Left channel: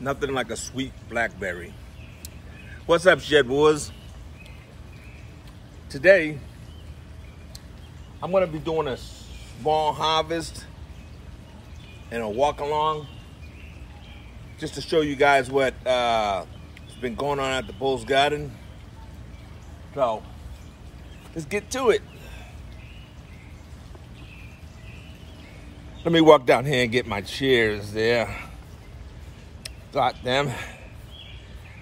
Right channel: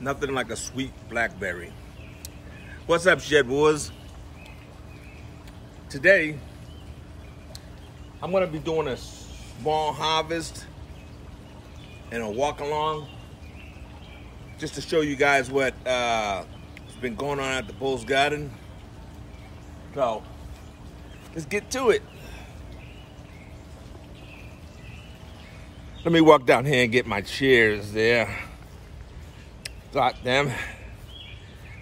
Nothing like a sweet blackberry. What's up, Shedwars? Today, I'm gonna be doing a small harvest and a walk along just to show you guys what has been going on at the Bull's Garden. So, let's get to it. Let me walk down here and get my chairs there. Got them.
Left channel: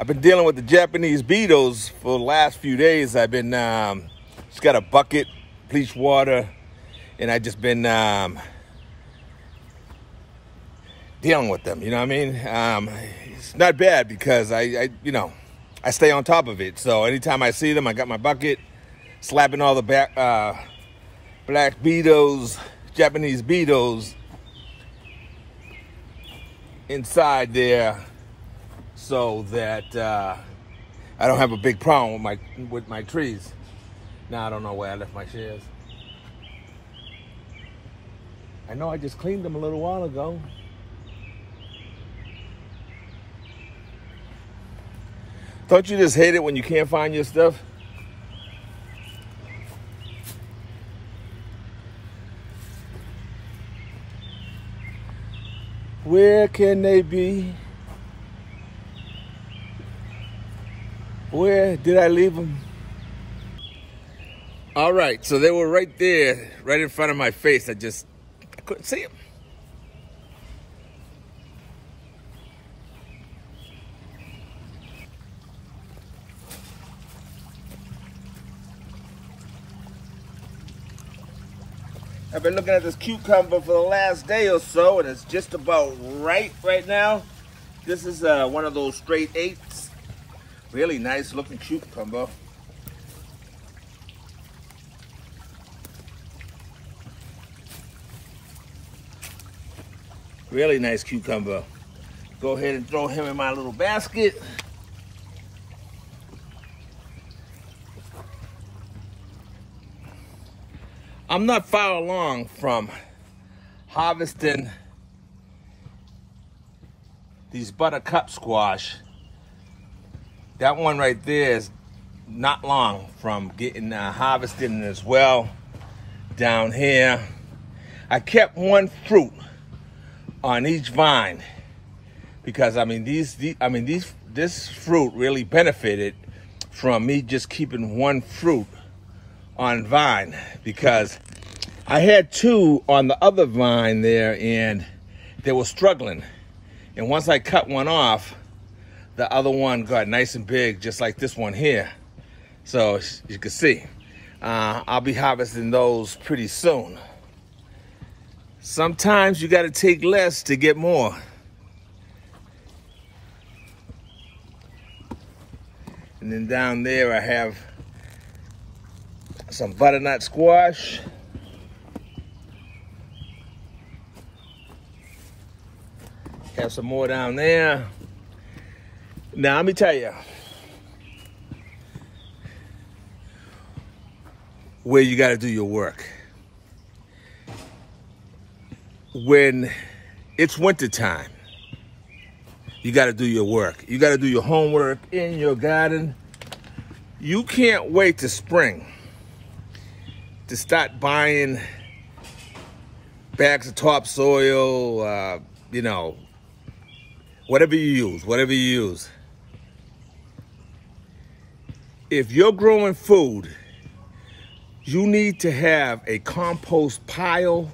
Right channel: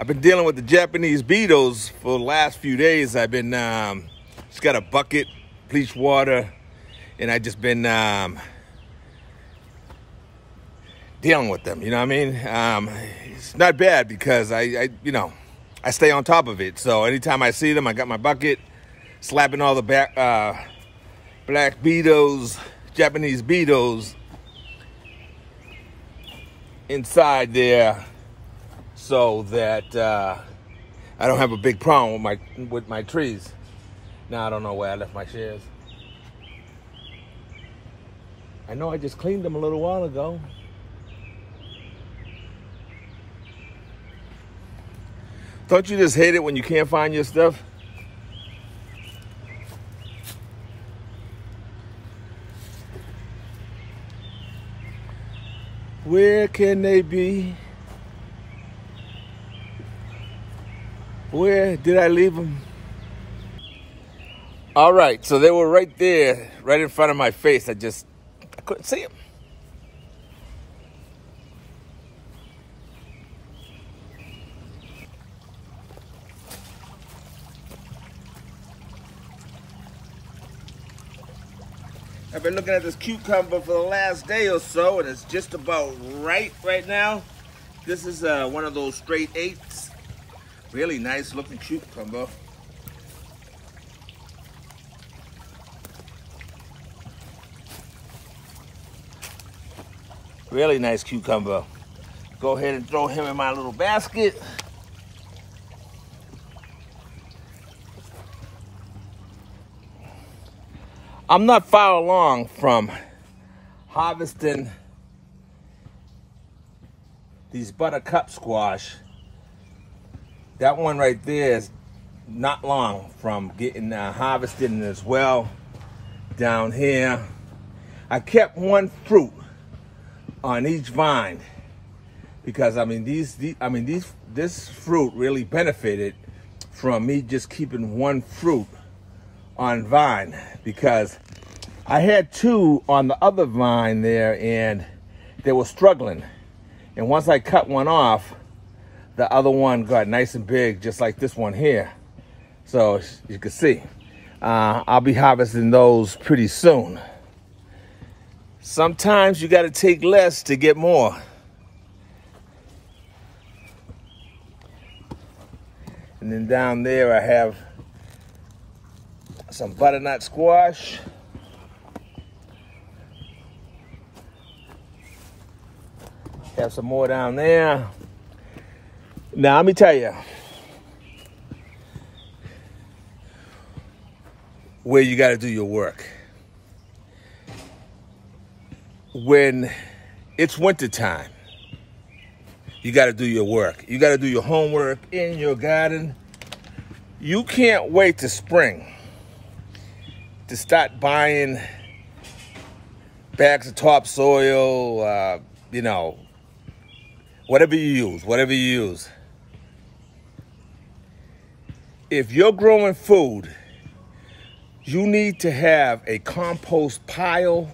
I've been dealing with the Japanese beetles for the last few days. I've been just got a bucket, bleach water, and I just been dealing with them. You know what I mean? It's not bad because I stay on top of it. So anytime I see them, I got my bucket, slapping all the black beetles, Japanese beetles inside there, so that I don't have a big problem with my trees. Now I don't know where I left my chairs. I know I just cleaned them a little while ago. Don't you just hate it when you can't find your stuff? Where can they be? Where did I leave them? All right, so they were right there, right in front of my face. I couldn't see them. I've been looking at this cucumber for the last day or so, and it's just about right now. This is one of those straight eights. Really nice looking cucumber. Really nice cucumber. Go ahead and throw him in my little basket. I'm not far along from harvesting these buttercup squash. That one right there is not long from getting harvested as well. Down here, I kept one fruit on each vine because this fruit really benefited from me just keeping one fruit on vine, because I had two on the other vine there and they were struggling. And once I cut one off, the other one got nice and big, just like this one here. So as you can see, I'll be harvesting those pretty soon. Sometimes you gotta take less to get more. And then down there I have some butternut squash. Have some more down there. Now let me tell you where you got to do your work. When it's winter time, you got to do your work. You got to do your homework in your garden. You can't wait to spring to start buying bags of topsoil, whatever you use. If you're growing food, you need to have a compost pile,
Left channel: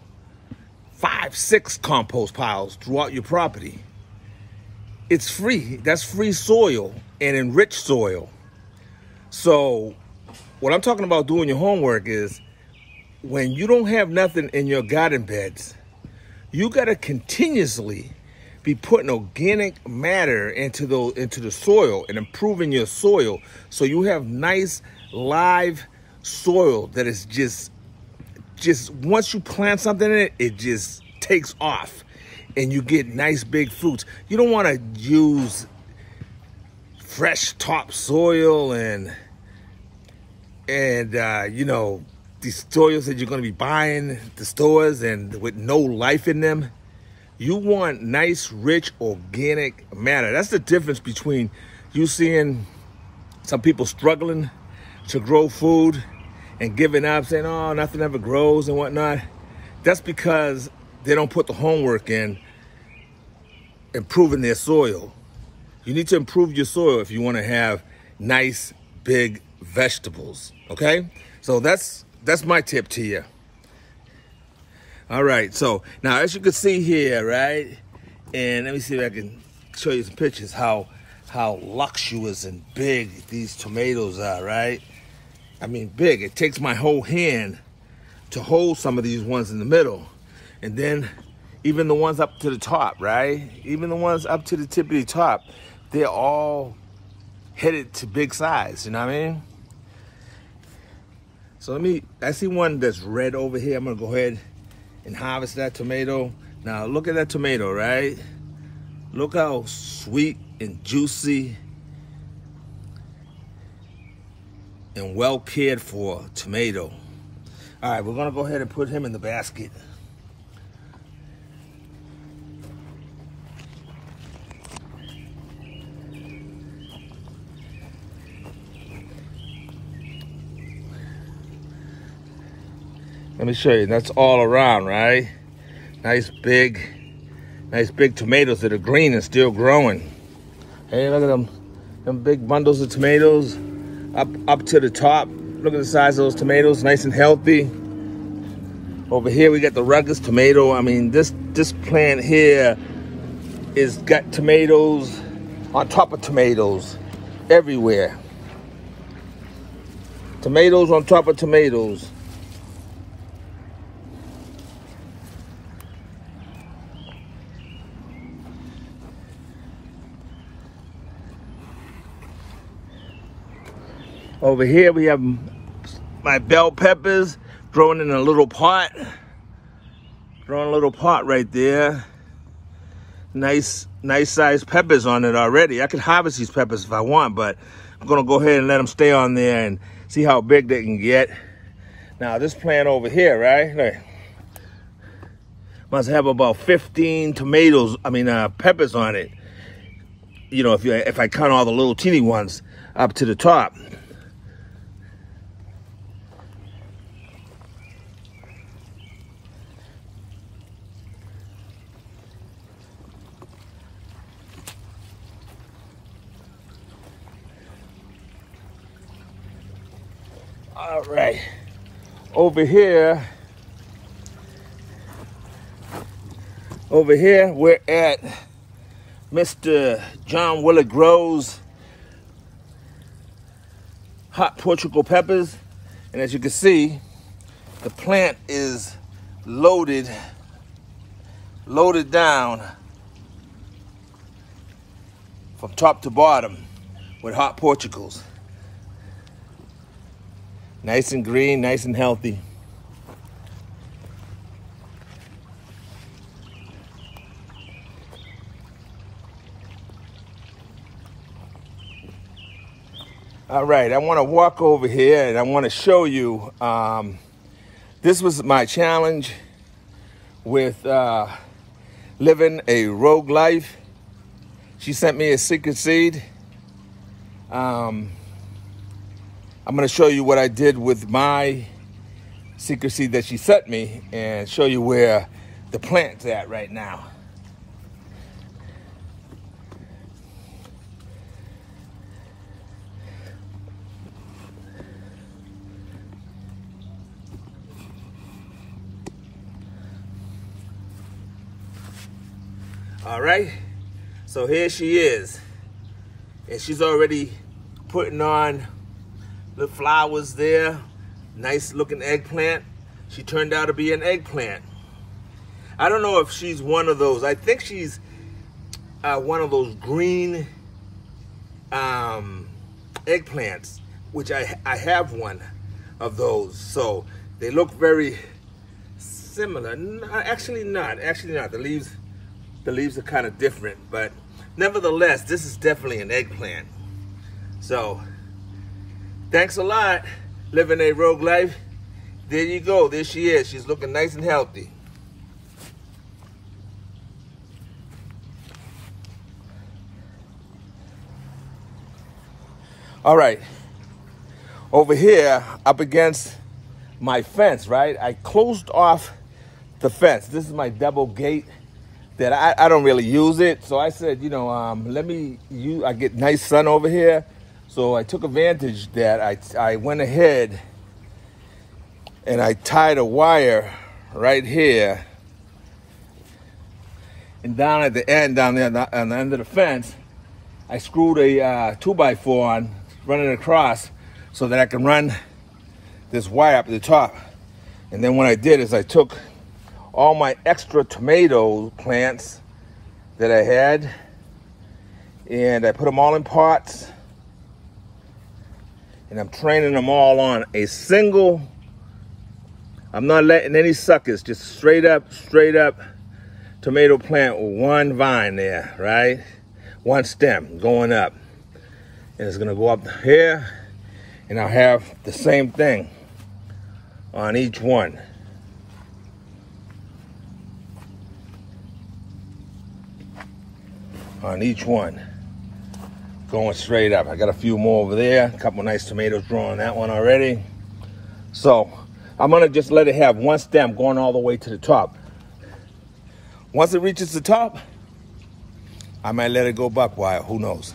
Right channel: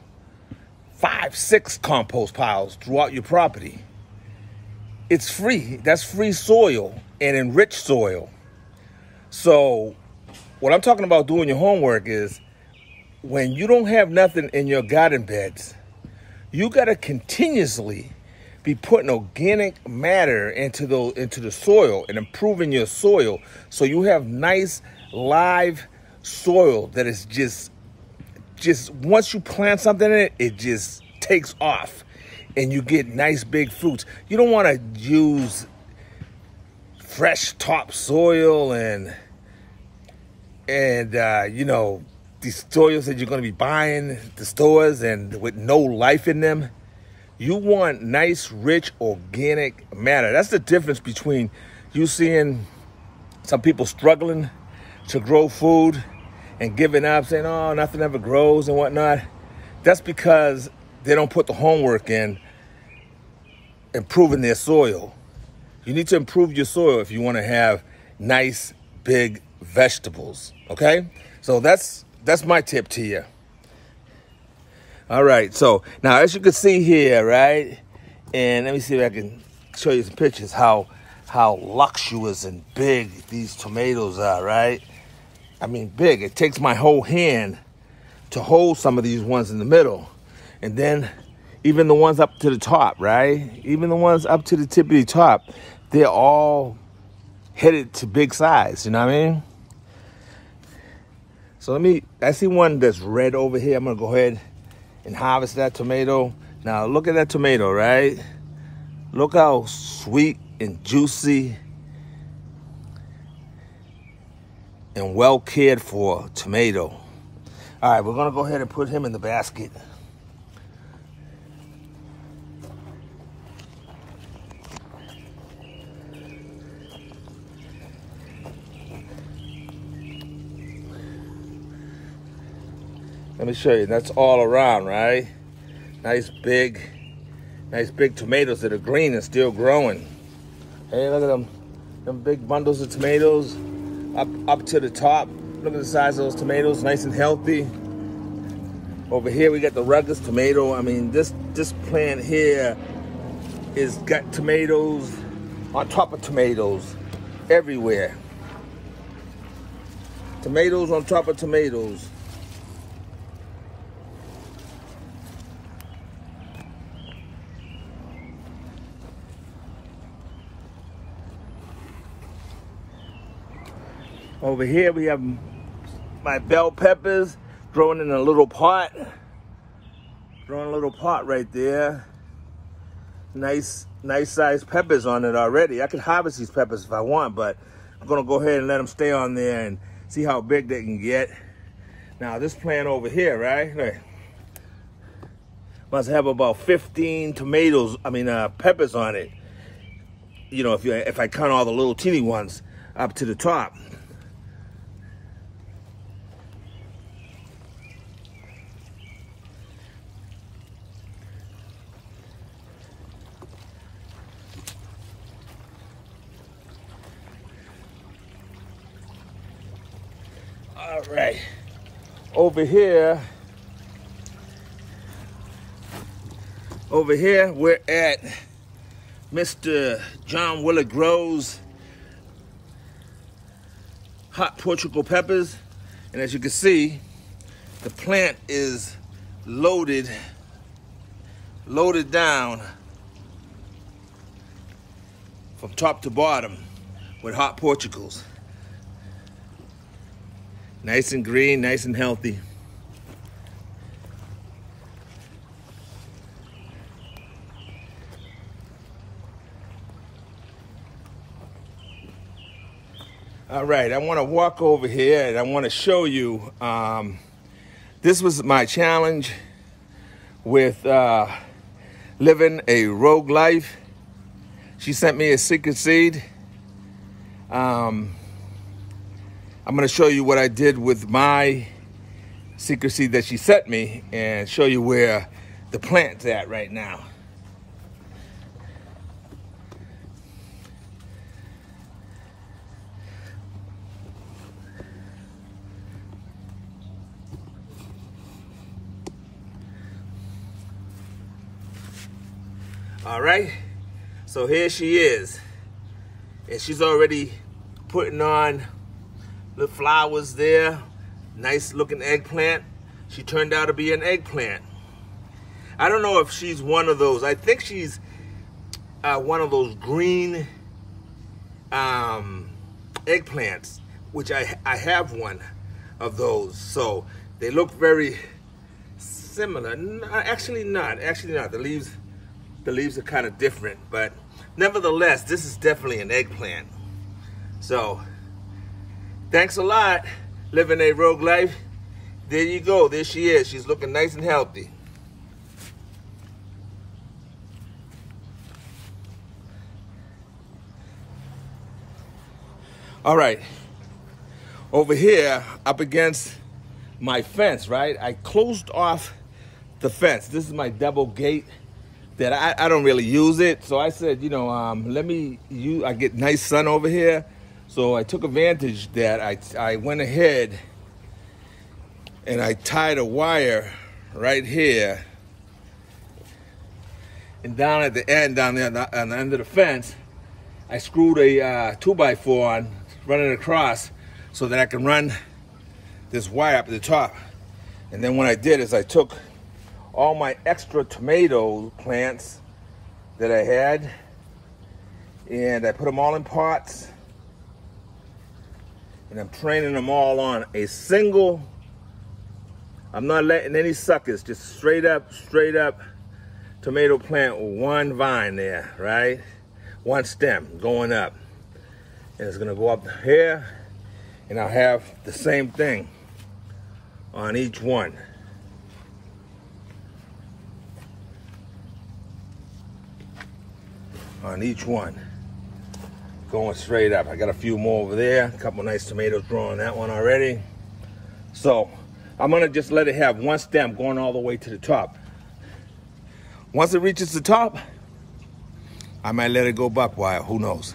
5-6 compost piles throughout your property. It's free. That's free soil and enriched soil. So what I'm talking about doing your homework is, when you don't have nothing in your garden beds, you got to continuously be putting organic matter into the soil and improving your soil, so you have nice live soil that is just once you plant something in it, it just takes off and you get nice big fruits. You don't want to use fresh topsoil and these soils that you're going to be buying at the stores and with no life in them. You want nice, rich, organic matter. That's the difference between you seeing some people struggling to grow food and giving up, saying, oh, nothing ever grows and whatnot. That's because they don't put the homework in improving their soil. You need to improve your soil if you want to have nice, big vegetables, okay? So that's my tip to you. All right, so now as you can see here, right? And let me see if I can show you some pictures how luxurious and big these tomatoes are, right? I mean, big. It takes my whole hand to hold some of these ones in the middle. And then even the ones up to the top, right? Even the ones up to the tippity top, they're all headed to big size, you know what I mean? So I see one that's red over here. I'm gonna go ahead and harvest that tomato. Now look at that tomato, right? Look how sweet and juicy and well cared for tomato. All right, we're gonna go ahead and put him in the basket. Let me show you, that's all around, right? Nice big tomatoes that are green and still growing. Hey, look at them big bundles of tomatoes up to the top. Look at the size of those tomatoes, nice and healthy. Over here we got the rugged tomato. I mean, this plant here is got tomatoes on top of tomatoes everywhere. Tomatoes on top of tomatoes. Over here we have my bell peppers growing in a little pot. Growing a little pot right there. Nice sized peppers on it already. I could harvest these peppers if I want, but I'm gonna go ahead and let them stay on there and see how big they can get. Now this plant over here, right? Look, must have about 15 peppers on it. You know, if I count all the little teeny ones up to the top. All right, over here we're at Mr. John Willard Grows hot Portugal peppers, and as you can see, the plant is loaded down from top to bottom with hot Portugals. Nice and green, nice and healthy. All right, I want to walk over here and I want to show you, this was my challenge with living a rogue life. She sent me a secret seed. I'm gonna show you what I did with my secret seed that she sent me and show you where the plant's at right now. All right, so here she is. And she's already putting on the flowers there. Nice looking eggplant. She turned out to be an eggplant. I don't know if she's one of those. I think she's one of those green eggplants, which I have one of those. So they look very similar. No, actually not. The leaves are kind of different, but nevertheless, this is definitely an eggplant. So thanks a lot, living a rogue life. There you go. There she is. She's looking nice and healthy. All right, over here, up against my fence, right? I closed off the fence. This is my double gate that I don't really use it. So I said, you know, I get nice sun over here. So I took advantage that I went ahead and I tied a wire right here. And down at the end, down there on the end of the fence, I screwed a 2x4 on, running across so that I can run this wire up to the top. And then what I did is I took all my extra tomato plants that I had and I put them all in pots, and I'm training them all on a single, I'm not letting any suckers, just straight up tomato plant with one vine there, right? One stem going up. And it's gonna go up here, and I'll have the same thing on each one. On each one, going straight up. I got a few more over there, a couple nice tomatoes growing that one already. So I'm gonna just let it have one stem going all the way to the top. Once it reaches the top, I might let it go buck wild, who knows?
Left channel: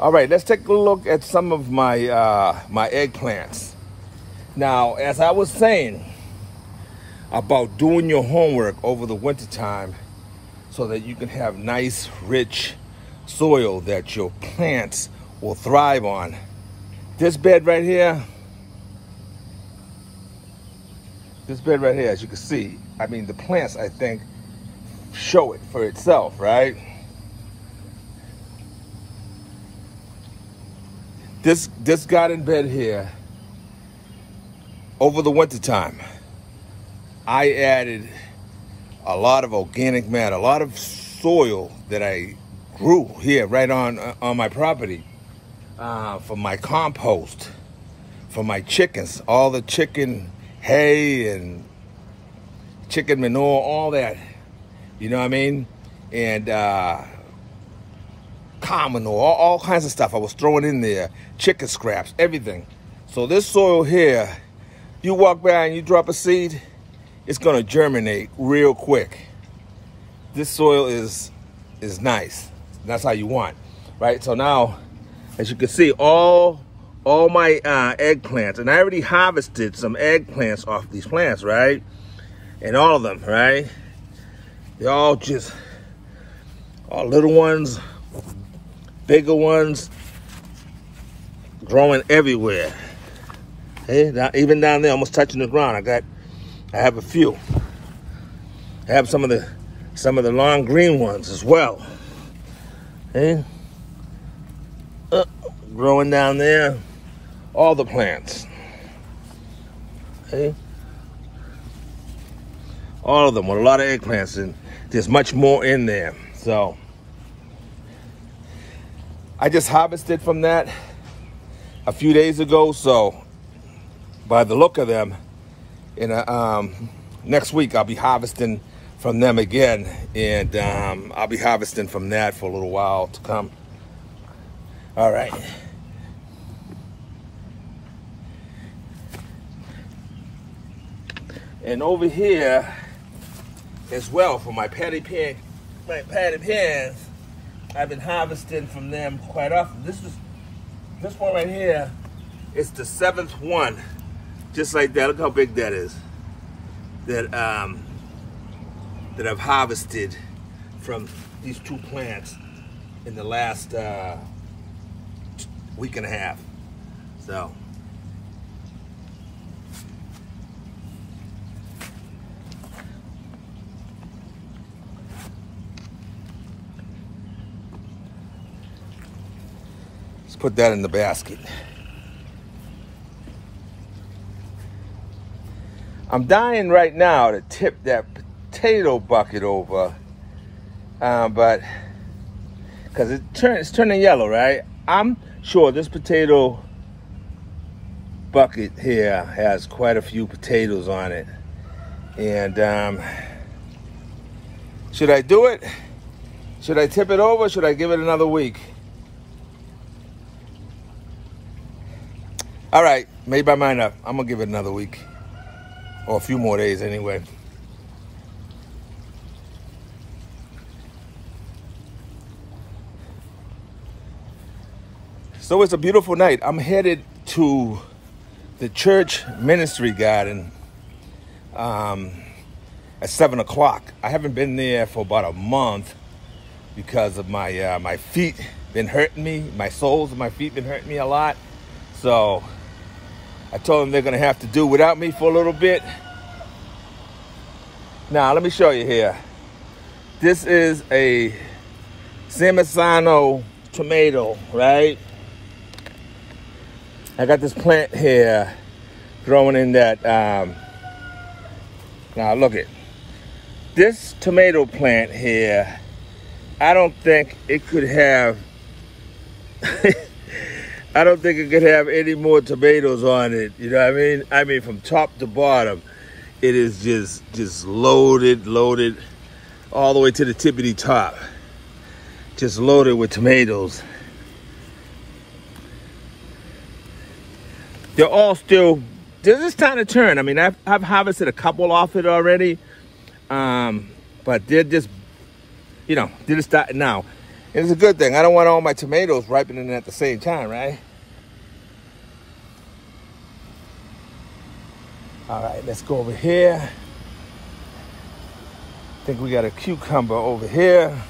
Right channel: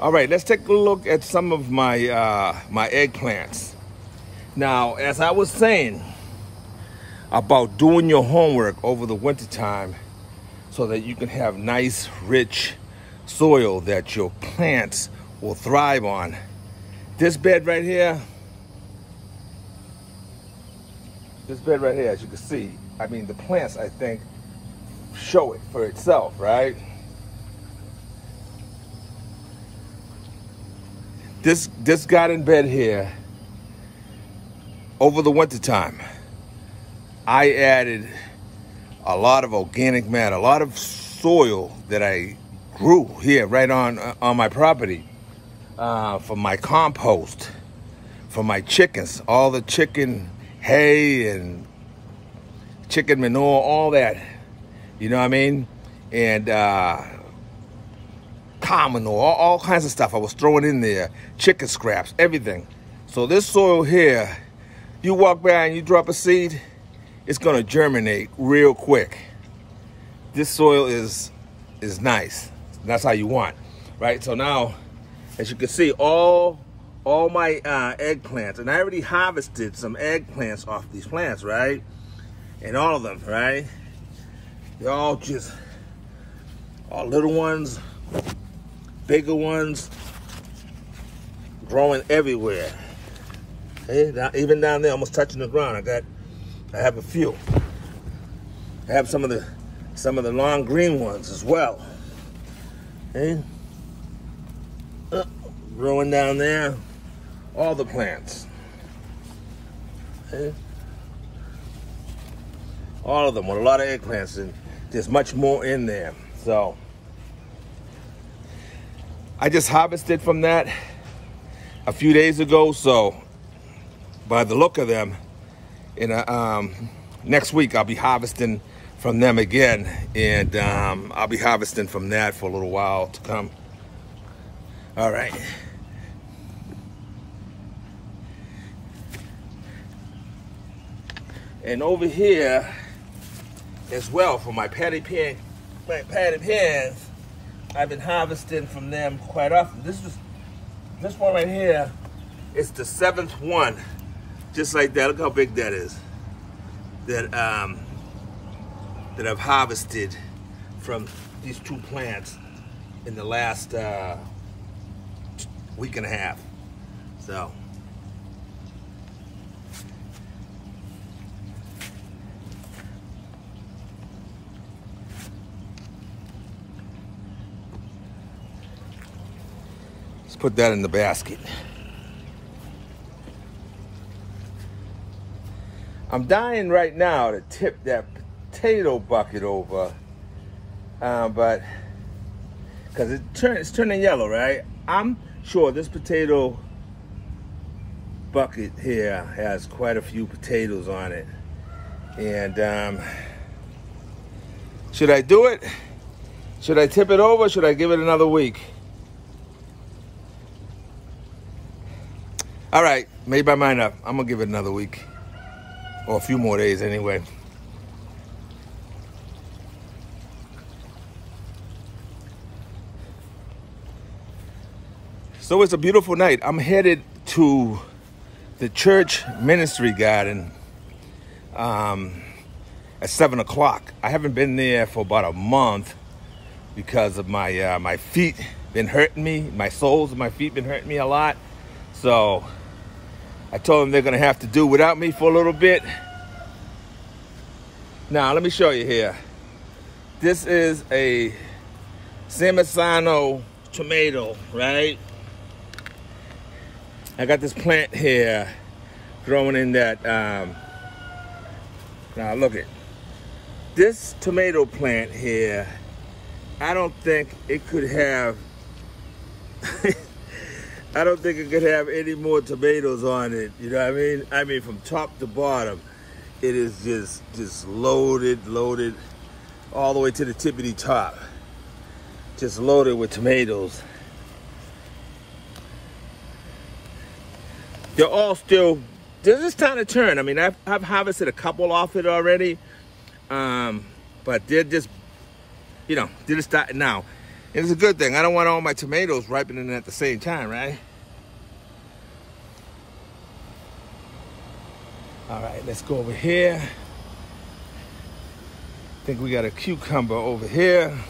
All right, let's take a look at some of my my eggplants. Now, as I was saying about doing your homework over the winter time so that you can have nice, rich soil that your plants will thrive on. This bed right here, as you can see, I mean, the plants, I think, show it for itself, right? This garden bed here, over the winter time, I added a lot of organic matter, a lot of soil that I grew here right on my property, for my compost, for my chickens, all the chicken hay and chicken manure, all that, you know what I mean? And cow manure, all kinds of stuff I was throwing in there, chicken scraps, everything. So this soil here, you walk by and you drop a seed, it's gonna germinate real quick. This soil is nice. That's how you want, right? So now, as you can see, all my eggplants, and I already harvested some eggplants off these plants, right? And all of them, right? They're all just, all little ones, bigger ones, growing everywhere. Okay? Now, even down there, almost touching the ground, I have a few. I have some of the long green ones as well. Okay? Growing down there, all the plants. Okay? All of them with a lot of eggplants, and there's much more in there. So I just harvested from that a few days ago. So by the look of them, in next week I'll be harvesting from them again, and I'll be harvesting from that for a little while to come. All right. And over here as well, for my patty pans, I've been harvesting from them quite often. This one right here is the 7th one, just like that. Look how big that is. That I've harvested from these two plants in the last week and a half. So let's put that in the basket. I'm dying right now to tip that potato bucket over, but because it's turning yellow, right? I'm sure this potato bucket here has quite a few potatoes on it, and should I do it? Should I tip it over or should I give it another week? All right, made my mind up. I'm gonna give it another week. Or a few more days anyway. So it's a beautiful night. I'm headed to the church ministry garden at 7 o'clock. I haven't been there for about a month because of my my feet been hurting me. My soles of my feet been hurting me a lot. So I told them they're gonna have to do without me for a little bit. Now let me show you here. This is a Samazano tomato, right? I got this plant here growing in that, now look at this tomato plant here. I don't think it could have, I don't think it could have any more tomatoes on it. You know what I mean? I mean, from top to bottom, it is just loaded all the way to the tippity top. Just loaded with tomatoes. They're all still, they're just time to turn. I mean, I've harvested a couple off it already, but they're just, you know, they're just starting now. And it's a good thing. I don't want all my tomatoes ripening at the same time, right? All right, let's go over here. I think we got a cucumber over here.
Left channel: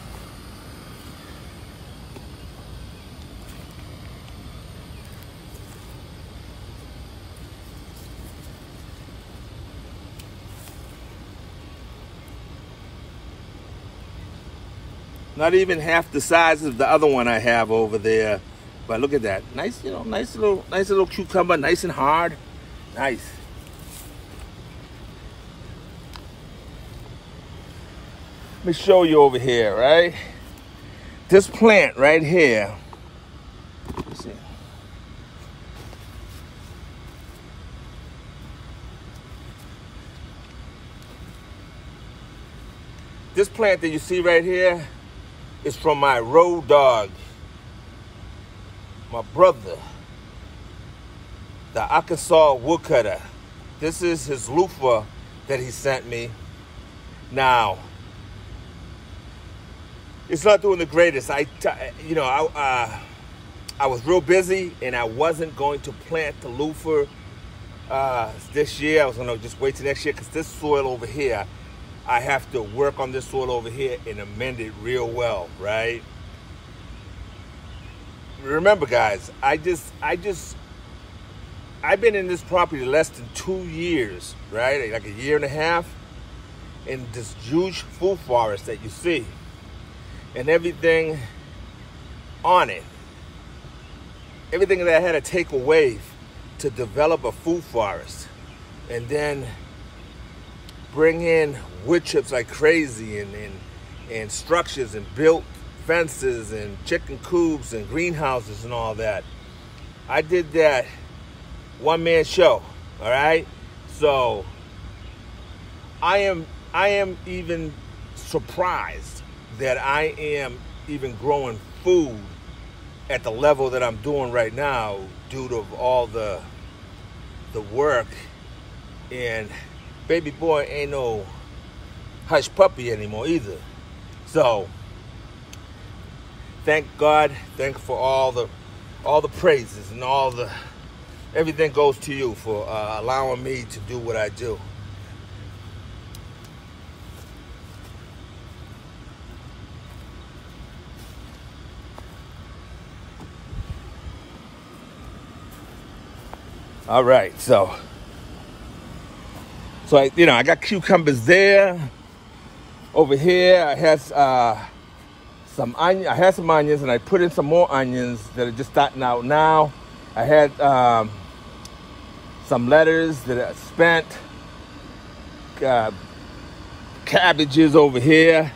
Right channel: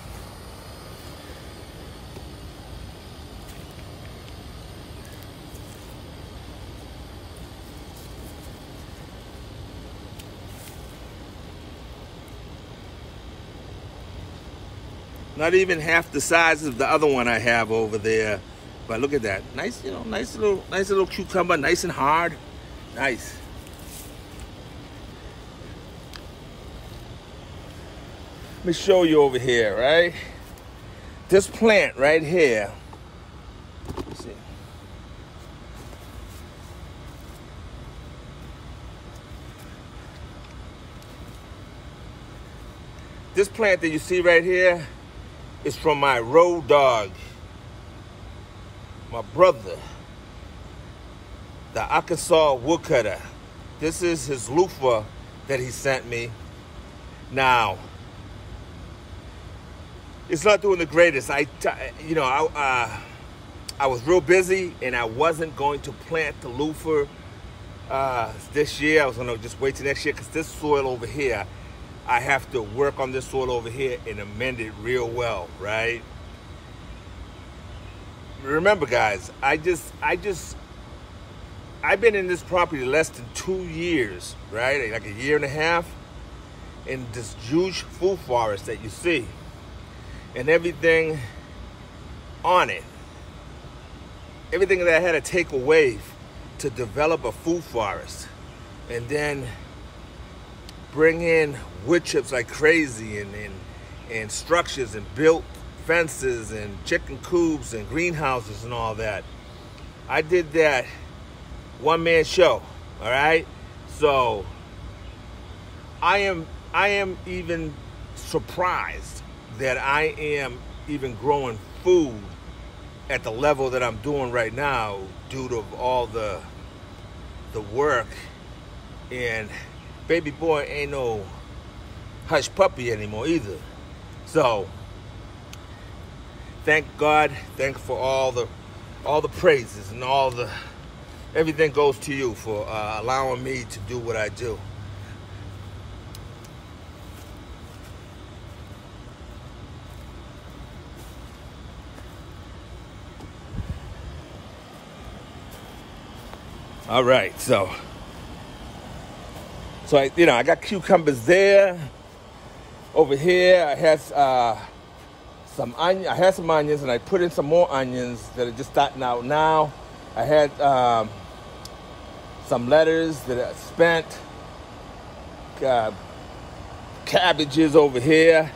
Not even half the size of the other one I have over there. But look at that. Nice, you know, nice little cucumber, nice and hard. Nice. Let me show you over here, right? This plant right here. Let's see. This plant that you see right here is from my road dog, my brother, the Arkansas woodcutter. This is his loofah that he sent me. Now, it's not doing the greatest. I was real busy and I wasn't going to plant the loofah this year. I was gonna just wait till next year because this soil over here, I have to work on this soil over here and amend it real well, right? Remember, guys, I've been in this property less than 2 years, right? Like a year and a half, in this huge food forest that you see, and everything on it, everything that I had to take away to develop a food forest, and then bring in wood chips like crazy, and structures, and built fences and chicken coops and greenhouses and all that. I did that one-man show, all right? So I am even surprised that I am even growing food at the level that I'm doing right now due to all the work. And baby boy ain't no hush puppy anymore either. So thank God, thank for all the praises and everything goes to you for allowing me to do what I do. All right, so I got cucumbers there. Over here, I had some onions, and I put in some more onions that are just starting out now. I had some lettuce that I spent. Cabbages over here.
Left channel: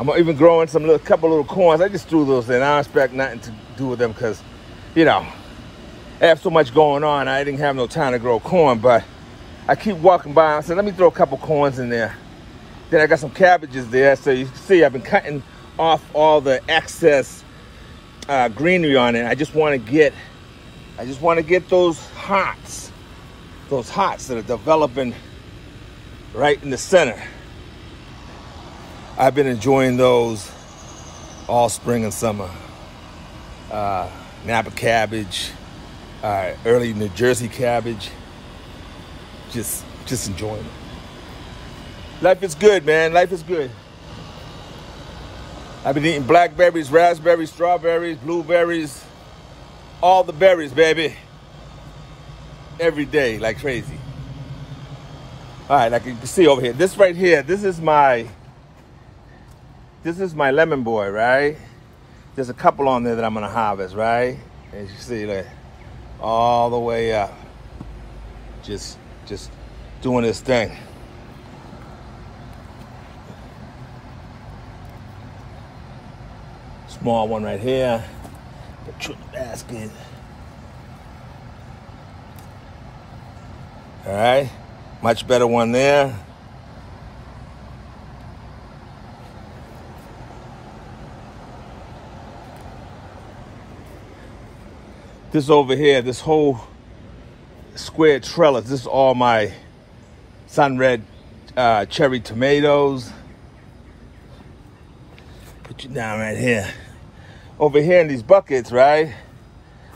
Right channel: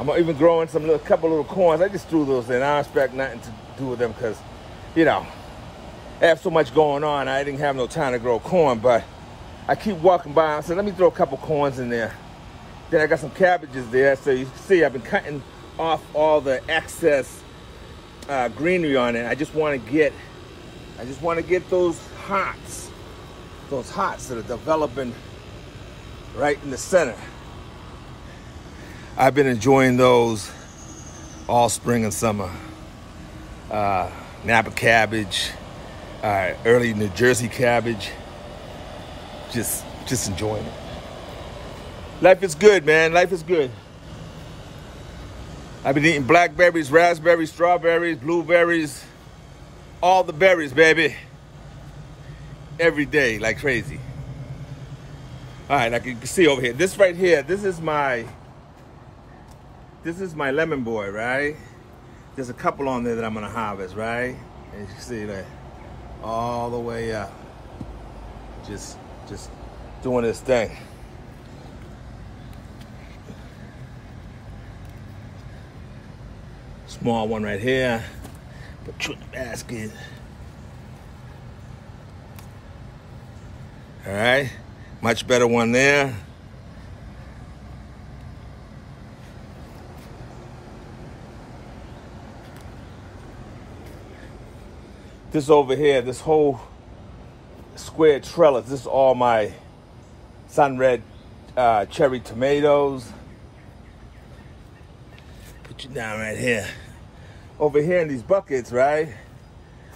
I'm even growing a couple little corns. I just threw those in. I don't expect nothing to do with them because, I have so much going on. I didn't have no time to grow corn, but I keep walking by. I said, let me throw a couple corns in there. Then I got some cabbages there. So you can see I've been cutting off all the excess greenery on it. I just want to get those hearts that are developing right in the center. I've been enjoying those all spring and summer. Napa cabbage, early New Jersey cabbage. Just enjoying it. Life is good, man. Life is good. I've been eating blackberries, raspberries, strawberries, blueberries, all the berries, baby. Every day, like crazy. All right, like you can see over here, this right here, this is my lemon boy, right? There's a couple on there that I'm gonna harvest, right? As you see, like, all the way up. Just doing this thing. Small one right here. Put you in the basket. All right, much better one there. This over here, this whole square trellis, this is all my sun-red cherry tomatoes. Put you down right here. Over here in these buckets, right,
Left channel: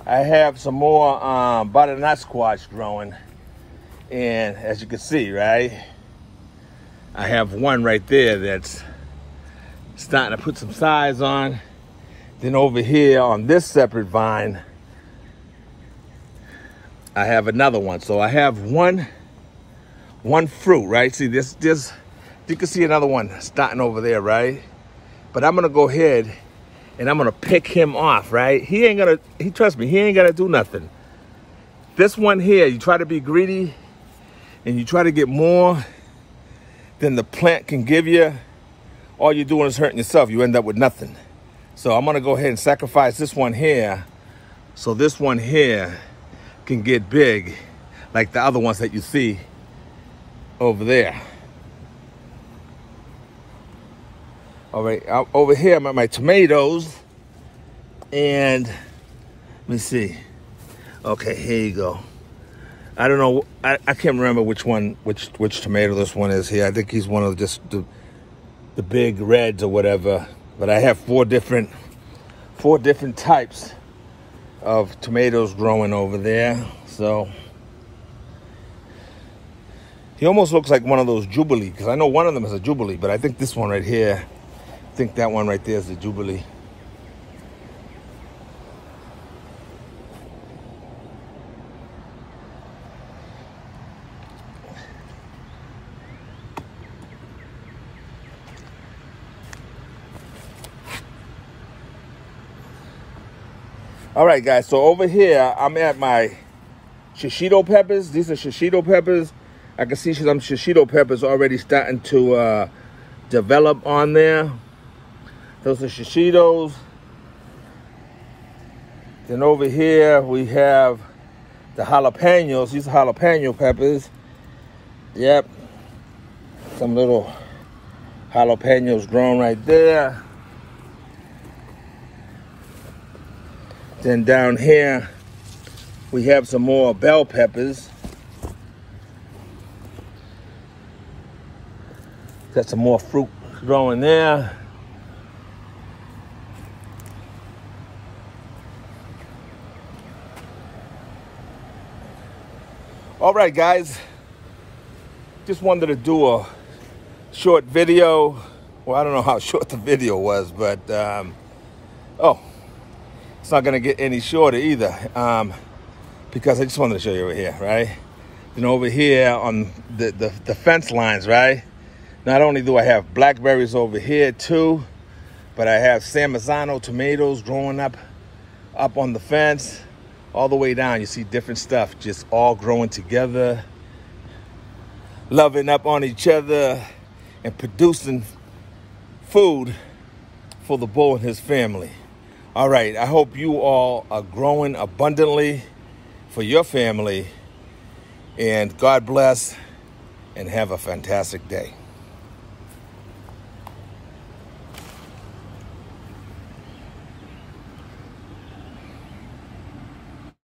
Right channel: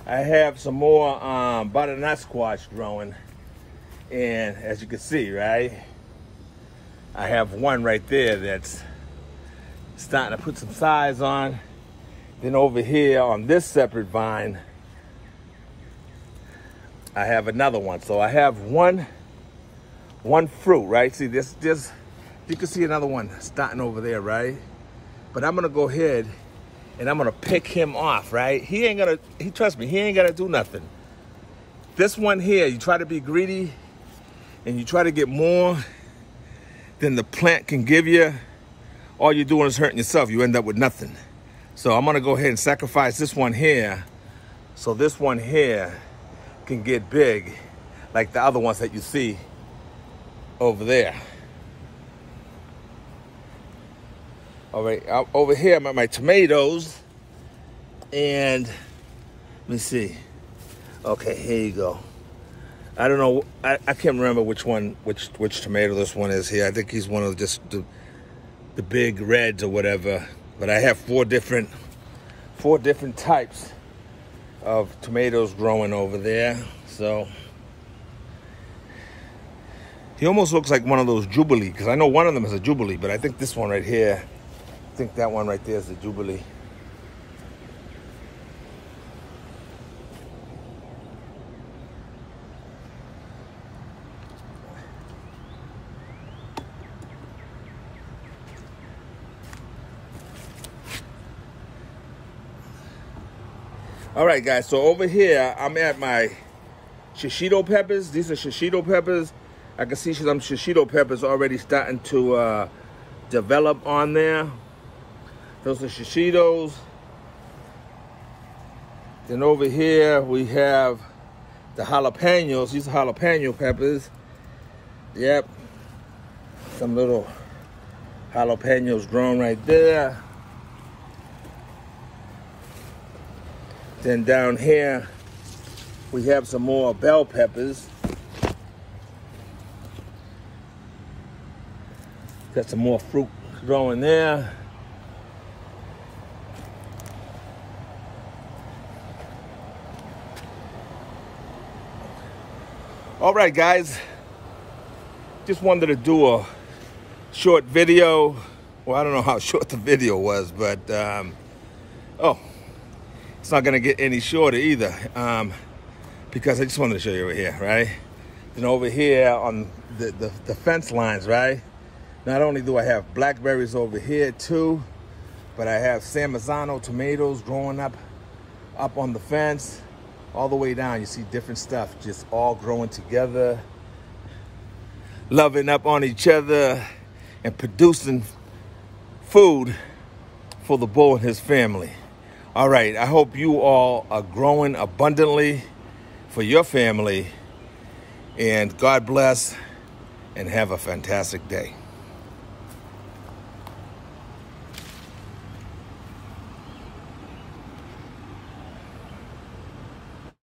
I have some more butternut squash growing. And as you can see, right, I have one right there that's starting to put some size on. Then over here on this separate vine, I have another one. So I have one fruit, right? See this, you can see another one starting over there, right? But I'm gonna go ahead and I'm gonna pick him off, right? Trust me, he ain't gonna do nothing. This one here, you try to be greedy and you try to get more than the plant can give you, all you're doing is hurting yourself. You end up with nothing. So I'm gonna go ahead and sacrifice this one here, so this one here can get big like the other ones that you see over there. All right, over here I'm at my tomatoes, and let me see. Okay, here you go. I don't know, I can't remember which tomato this one is here. I think he's one of just the big reds or whatever. But I have four different types of tomatoes growing over there. So he almost looks like one of those Jubilee, because I know one of them is a Jubilee, but I think this one right here, I think that one right there is the Jubilee. All right, guys, so over here, I'm at my shishito peppers. These are shishito peppers. I can see some shishito peppers already starting to develop on there. Those are shishitos. Then over here, we have the jalapenos. These are jalapeno peppers. Yep. Some little jalapenos growing right there. Then down here, we have some more bell peppers. Got some more fruit growing there. All right, guys. Just wanted to do a short video. Well, I don't know how short the video was, but it's not gonna get any shorter either, because I just wanted to show you over here, right? You know, over here on the fence lines, right? Not only do I have blackberries over here too, but I have San Marzano tomatoes growing up on the fence. All the way down, you see different stuff just all growing together, loving up on each other, and producing food for the bull and his family. All right, I hope you all are growing abundantly for your family, and God bless, and have a fantastic day.